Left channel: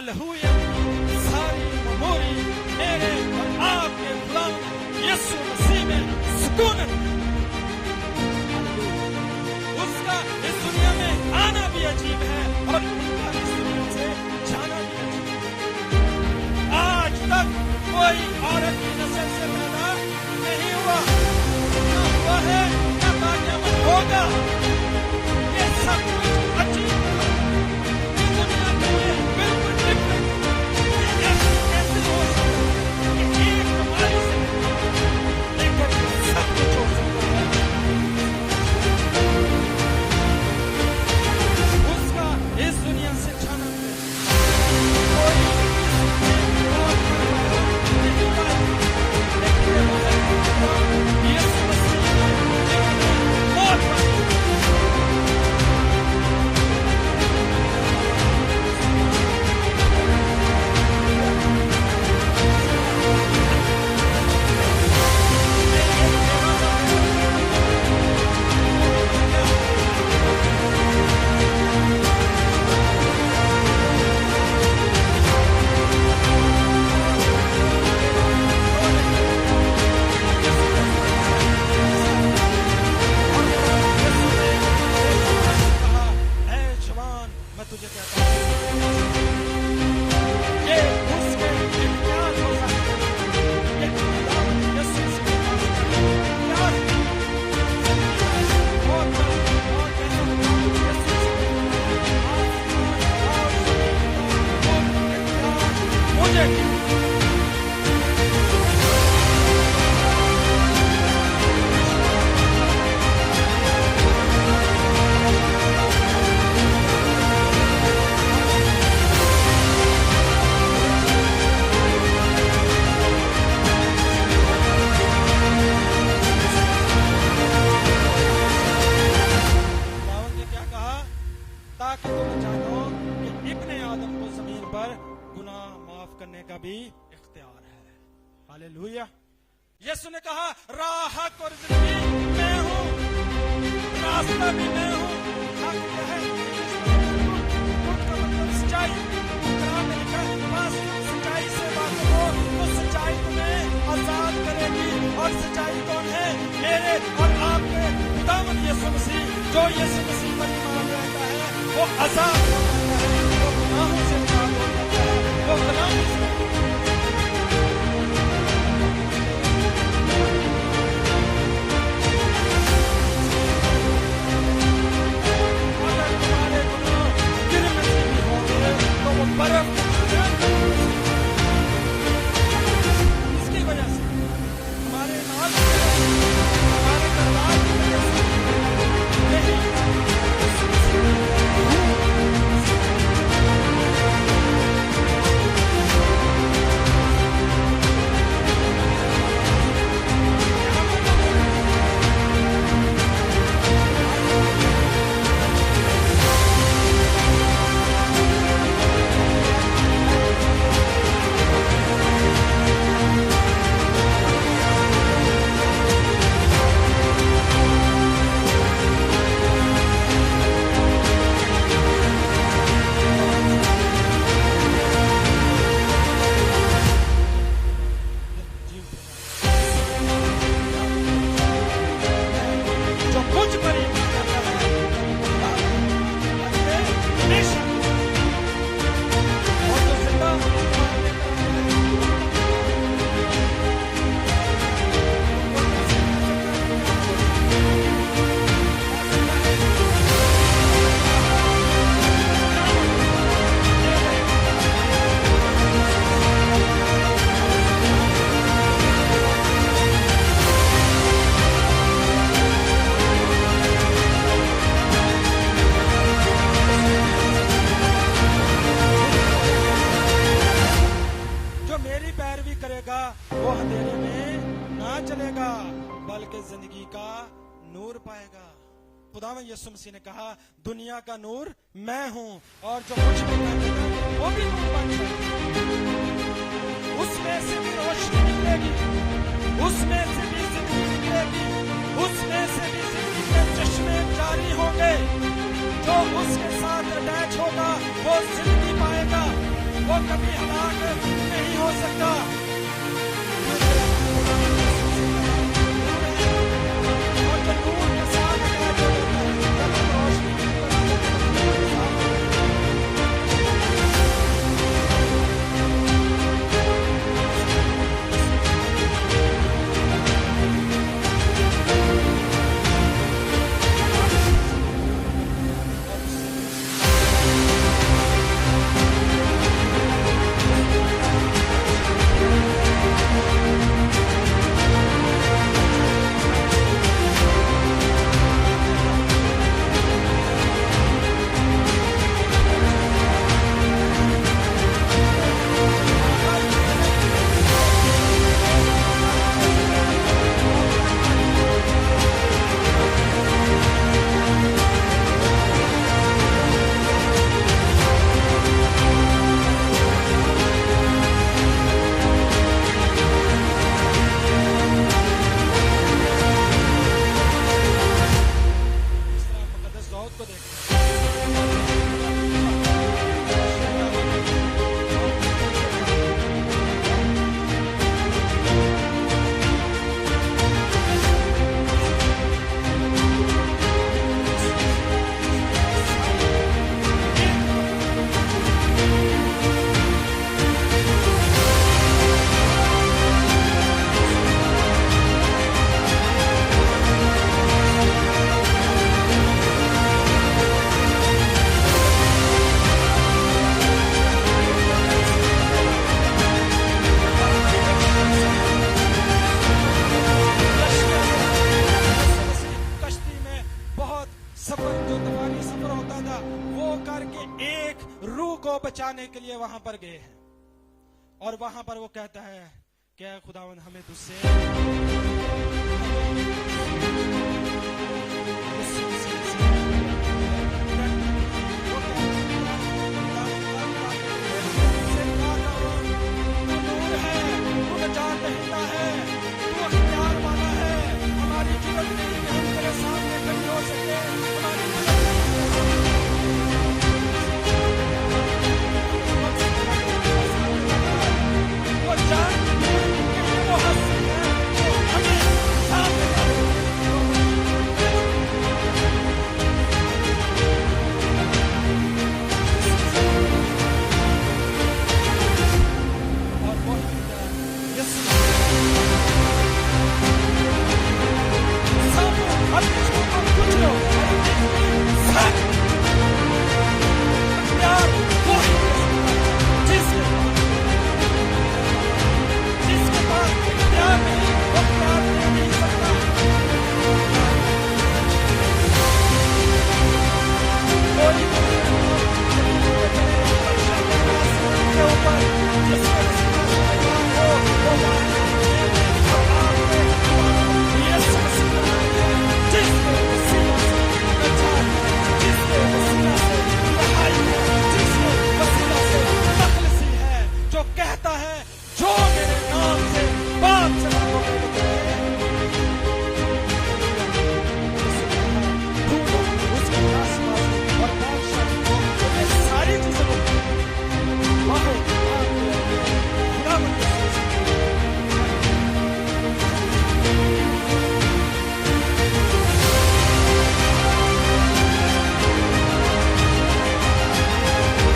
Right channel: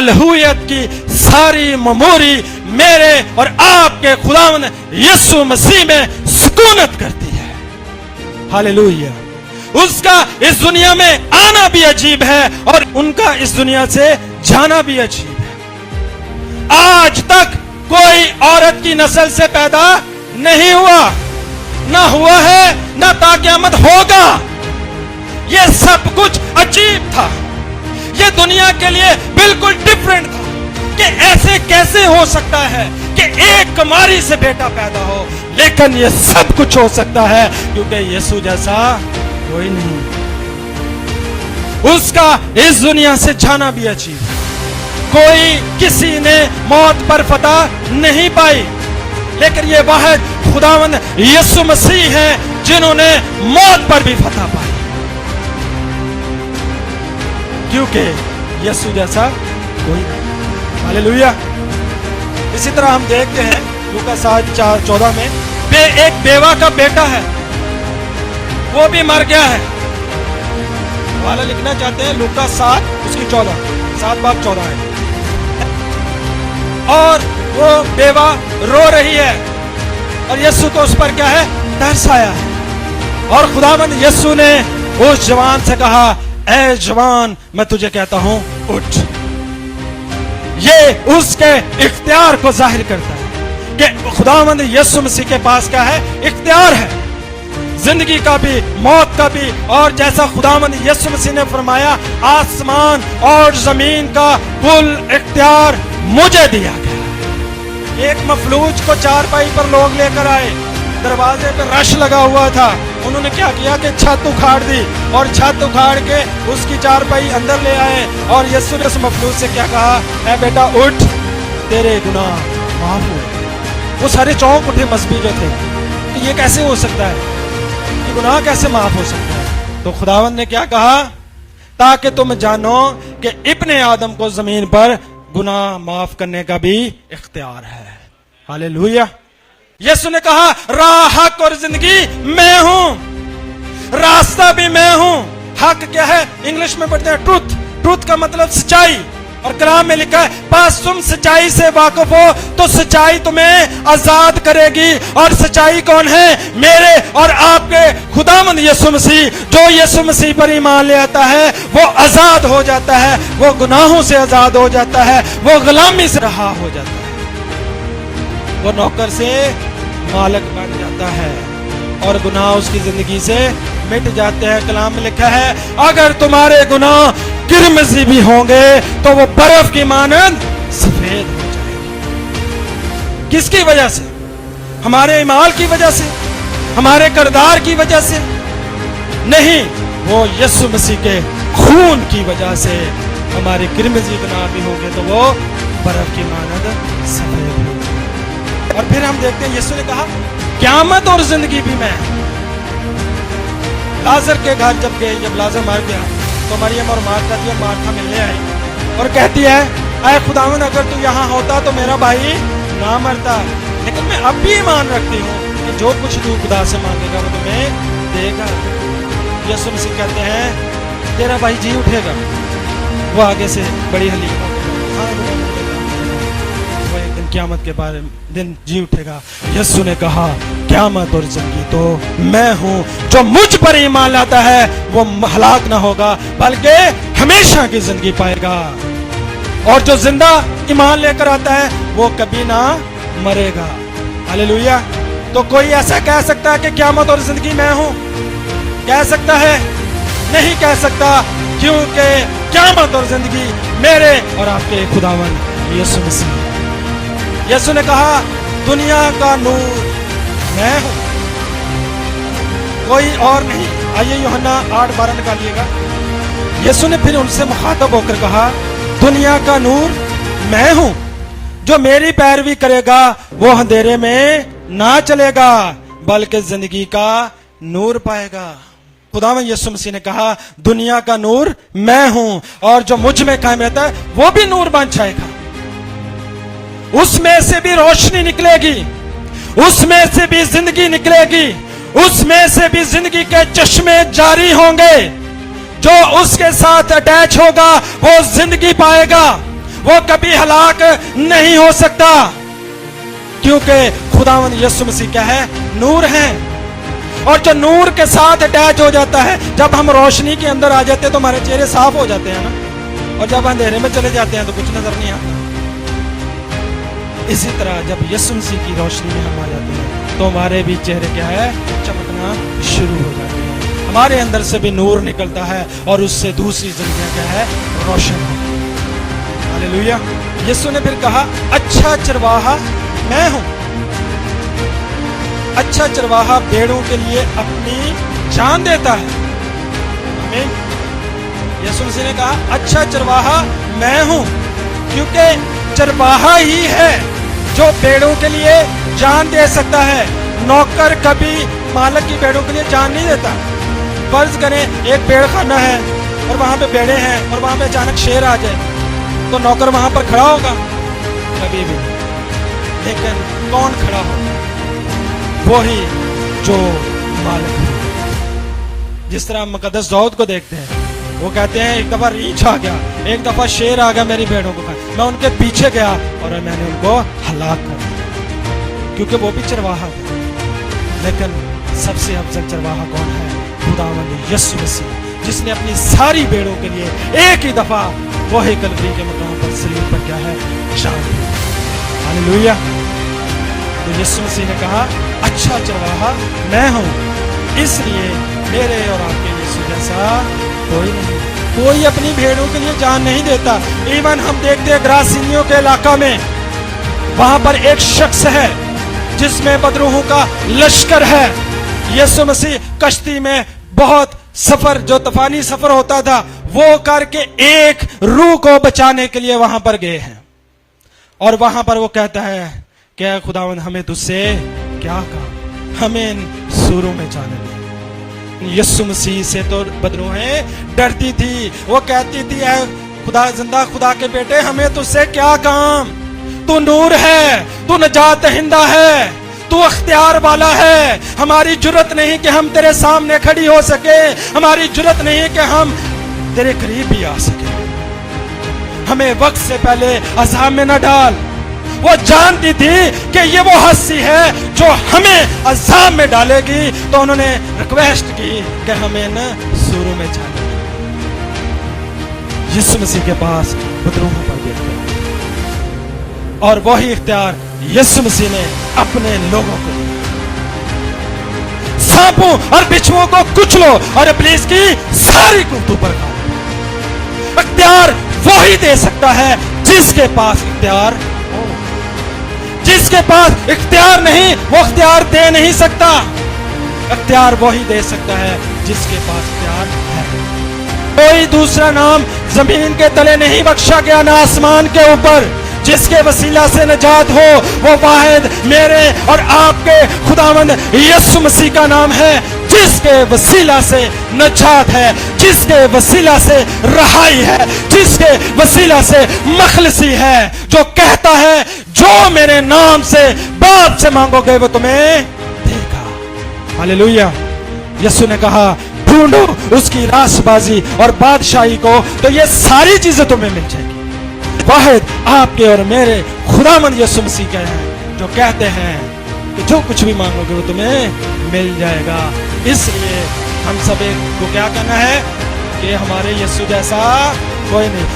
अलहूयत की सारी ममूरी मेरे और आपके खुदावंद यीशु मसीह में सुकूनत करती है। हालेलुया। उसका इस दुनिया में आना भी अजीब है और उनका इस दुनिया से जाना भी अजीब है। आज तक कोई औरत की नस्ल से पैदा नहीं हुआ, ना हुआ है, ना ताक़यामत होगा। ये सब कुछ अजीब था, ये दुनिया के लिए बिल्कुल डिफरेंट था कि ऐसे कैसे हो सकता है कि एक कुमारी से बेटा पैदा हो। लेकिन ये सब कुछ हो सकता है क्योंकि यीशु जैसा कोई नहीं। उसका इस दुनिया से जाना भी अजीब है। कोई किसी ने मौत पर फतह नहीं पाई, लेकिन ये वाहिद खुदावंद यीशु मसीह है जिन्होंने मौत पर भी फतह पाई, क्योंकि यीशु जैसा कोई नहीं। हालेलुया। इसी तरह हम देखते हैं लूका 7:14 में एक बेवा का बेटा है, वो भी मर गया है। वाला लिखना चाहते हैं लूका 7:14 है। और वो बेवा रो रही है और यीशु को उस पर क्या है, तरस आया है। और खुदावंद यीशु ने उस जवान से कहा, ऐ जवान मैं तुझे कहता हूं उठ। ये उसके इख्तियार को जाहिर करता है कि खुदावंद यीशु मसीह के पास क्या है, इख्तियार है, जिंदगी का भी मौत का भी। और जैसा खुदावंद यीशु मसीह ने फरमाया, आसमान और जमीन का कुल इख्तियार मुझे दिया गया। एक मफलूज को चारपाई पर लोग लेकर आए, दरवाजे पर रश लगा हुआ था। उन्होंने क्या किया कि छत उखाड़ दी और छत उखाड़ के उसकी चारपाई अंदर ले आए। और यीशु ने उस मफलूज से क्या कहा, ऐ बेटा उठ, तेरे गुनाह माफ हो। वो सारे चौंक उठे मस्बी जो थे कि ये कैसे हो सकता है, गुनाह कैसे माफ हो सकता है। तो खुदावंद ने क्या कहा, ताकि तुम जानो कि इब्ने आदम को जमीन पर गुनाह माफ करने का भी इख्तियार है। हालेलुया। यीशु ने कहा, राह, हक और जिंदगी मैं हूं, रास्ता भी मैं हूं। हक क्या है, इंग्लिश में पढ़ते हैं ट्रूथ। ट्रूथ का मतलब सच्चाई, और कलाम में लिखा है, बस तुम सच्चाई से वाकिफ हो तो सच्चाई तुम्हें आजाद करेगी। और सच्चाई कौन है, मेरे और आपके खुदावंद यीशु मसीह। जो यीशु मसीह पर ईमान ले आता है वो आजाद हो जाता है, वो गुनाहों से आजाद हो जाता है, वो गुलामी से रहा हो जाता है, वो नौकर से मालिक बन जाता है और गुनाह उसकी जिंदगी से मिट जाते हैं। कलाम में लिखा है, अगर तुम्हारे गुनाह किरमिज़ी भी होंगे तो वो बर्फ की मानंद सफेद हो जाएंगे। किसकी वजह से, हमारे ईमान की वजह से, हमारे किरदार की वजह से नहीं, वो यीशु मसीह के खून की वजह से। हमारे किरमिज़ी गुनाह भी होंगे तो वो बर्फ की मानंद सफेद हो जाएंगे। और फिर हम देखते हैं यीशु ने कहा, क़यामत और जिंदगी भी मैं। लाजर के घर जब गए, जब लाजर मर गया तो मरियम और मार्था मिलने आई और कहती है, ऐ खुदावंद अगर तू यहाँ होता तो मेरा भाई ना मरता। लेकिन मैं अब भी ईमान रखती हूँ कि जो कुछ तू खुदा से मांगेगा वो तुम्हें देगा। यीशु मसीह कहते हैं, तेरा भाई जी उठेगा। वो आगे से बड़ी हलीम क़यामत के बारे में दिन जी उठेगा। यीशु ने कहा, क़यामत और जिंदगी तो मैं हूं, जो मुझ पर ईमान लाता है वो हलाक ना होगा बल्कि हमेशा की जिंदगी पाएगा। और जो जिंदा ईमान लेकर आता है वो कभी ना मरेगा। हालेलुया। तो कोई ऐसा कह सकता है कि क़यामत और जिंदगी मैं हूं? कह सकता है? नहीं कह सकता, क्योंकि क़यामत और जिंदगी मेरे और आपके खुदावंद यीशु मसीह। यीशु ने कहा, दुनिया का नूर मैं हूं, कोई और नहीं। आइए यूहन्ना 8:12 निकालिएगा। यीशु ने फिर उनसे मुखातब होकर कहा, दुनिया का नूर मैं हूं, जो मेरी पैरवी करेगा वो अंधेरे में ना चलेगा बल्कि जिंदगी का नूर पाएगा। खुदावंद यीशु मसीह ने कहा, दुनिया का नूर मैं हूं, और जो मुझ में कायम रहता है वो भी नूर बन जाएगा। उसमें से भी रोशनी निकलेगी, उसमें से भी जिंदगी निकलेगी, उसमें से भी जिंदगी के चश्मे जारी होंगे। जो उसके साथ अटैच होगा वो जिंदगी पाएगा, वो कभी हलाक नहीं हो सकता, क्योंकि खुदावंद यीशु मसीह क्या है? नूर है। और जो नूर के साथ अटैच हो जाता है, जब हम रोशनी के अंदर आ जाते हैं तो हमारे चेहरे साफ हो जाते हैं ना, और जब अंधेरे में चले जाते हैं तो कुछ नजर नहीं आता। इसी तरह जब यीशु मसीह की रोशनी में हम आ जाते हैं तो हमारे भी चेहरे क्या है? चमकना शुरू हो जाता है। हमारे अंदर से भी नूर निकलता है और उससे दूसरी जिंदगी क्या है? रोशन। हालेलुया। यीशु ने फिर कहा, अच्छा चरवाहा मैं हूं। अच्छा चरवाहा भेड़ों के लिए अपनी जान देता है। आमीन। यीशु मसीह ने कहा, अच्छा चरवाहा मैं हूं, क्योंकि चरवाहा ही है जो भेड़ों के लिए जान दे सकता है। नौकर कभी मालिक की भेड़ों के लिए जान नहीं देता। फर्ज करें एक भेड़ खाना है और वहां पे भेड़े हैं और वहां पे अचानक शेर आ जाए, तो नौकर वहां पर खड़ा होगा? कभी भी। लेकिन कौन खड़ा होगा? वही जो मालिक है। जिस तरह मुकद्दस दाऊद को देखते हैं, वो कहते हैं एक दफा रीछ आ गया, एक दफा शेर आ गया मेरी भेड़ों को, मैं उनके पीछे गया और मैंने उनको हलाक कर दिया, क्योंकि वो भी चरवाहा था। लेकिन सबसे अफजल चरवाहा कौन है? खुदावंद यीशु मसीह, जिसने अपनी सारी भेड़ों के लिए एक ही दफा वही कलवरी के मकाम पर सलीब पर क्या है? जान दी। हालेलुया। तो यीशु मसीह ने कहा, अच्छा चरवाहा मैं हूं, इसलिए मेरे और आपके यीशु जैसा कोई नहीं। कोई अपनी भेड़ों के लिए जान नहीं देता। इवन हम देखते हैं ग्रासीनियों के इलाका में, वहां पर एक शख्स है जिसमें बदरूहों का लश्कर है। यीशु मसीह कश्ती में बहुत सफर, जो तूफानी सफर होता था, वो करके एक रूह को बचाने के लिए वहां पर गए हैं। और वहां पर वो कहता है, क्या खुदावंद हमें तुझसे क्या कहा, हमें इन सूरों में जाने। यीशु मसीह से तो बदरूहें डरती थी। वो कहती थी, ऐ खुदा, जिंदा खुदा के बेटे, हमें तुझसे क्या काम? तू नूर है, तू नजात दहिंदा है, तू अख्तियार वाला है। हमारी जुर्रत नहीं कि हम तेरे सामने खड़ी हो सके, हमारी जुर्रत नहीं कि हम तेरे करीब भी आ सके। हमें वक्त से पहले अज़ाब में न डाल। वो जानती थी कि ये वो हस्ती है जो हमें अज़ाब में डालेगी, तो उन्होंने रिक्वेस्ट की कि हमें न सूरों में जाने। यीशु मसीह के पास बदरूहों पर देखा, और वही इख्तियार यीशु मसीह ने अपने लोगों को, सांपों और बिच्छुओं को कुचलो और इब्लीस की सारी कुव्वतों पर इख्तियार वही दे सकता है जिसके पास इख्तियार हो। जिसके पास इख्तियार नहीं, वो इख्तियार दे नहीं सकता। इख्तियार वही दे सकता है जिसके पास इख्तियार है। कोई दूसरा नाम जमीन के तले नहीं बख्शा गया, ना आसमान के ऊपर, जिसके वसीला से नजात हो। वो वाहिद मेरे और आपके खुदावंद यीशु मसीह का नाम है, जिसके वसीला से नजात है, जिसके वसीला से रहाई है, जिसके वसीला से मखलसी है, जो कहता है जो मेरे नाम से बाप से मांगोगे वो तुम्हें देगा। हालेलुया। यीशु ने कहा, ढूंढो उसकी रासबाजी और बादशाही को, तो ये सारी चीजें तुम्हें मिल जाएगी। वाहिद आपके और मेरे खुदावंद यीशु मसीह का है, जो कहते हैं कि जो कुछ भी मांगोगे वो तुम्हें मिल जाएगा। इसलिए हम सभी को क्या करना है कि हमारे यीशु जैसा कोई नहीं।